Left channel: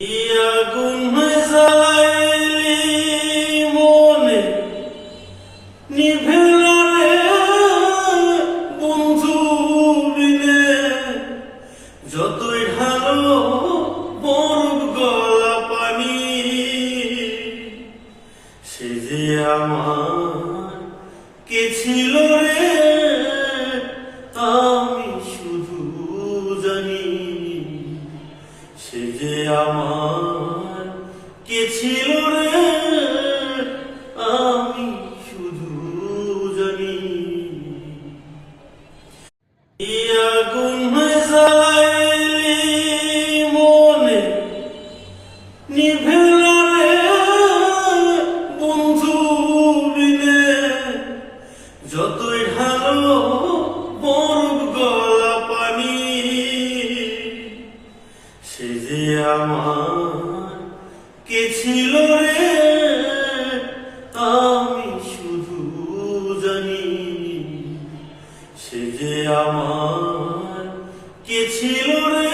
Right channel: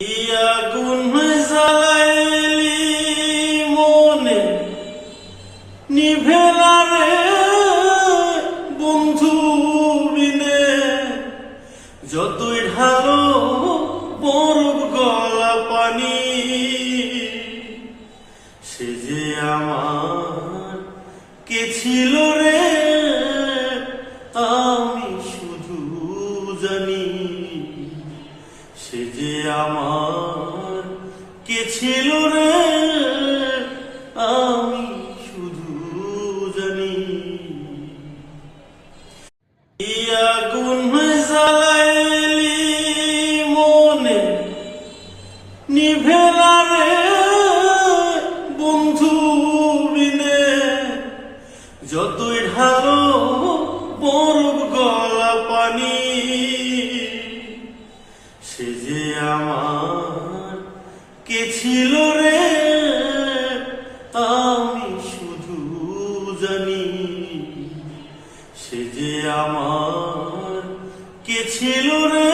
আগুন জ্বালাইলি মনে নিভে না রে বন্ধু বিনে, যতই ঢালো বরফ গলা পানি, সে যে আমার কে ছিল রে আমি শুধু জানি। সে যে আমার কে ছিল রে আমি শুধু জানি। আগুন জ্বালাইলি মনে নিভে না রে বন্ধু বিনে, যতই ঢালো বরফ গলা পানি, সে যে আমার কে ছিল রে আমি শুধু জানি। সে যে আমার কে ছিল রে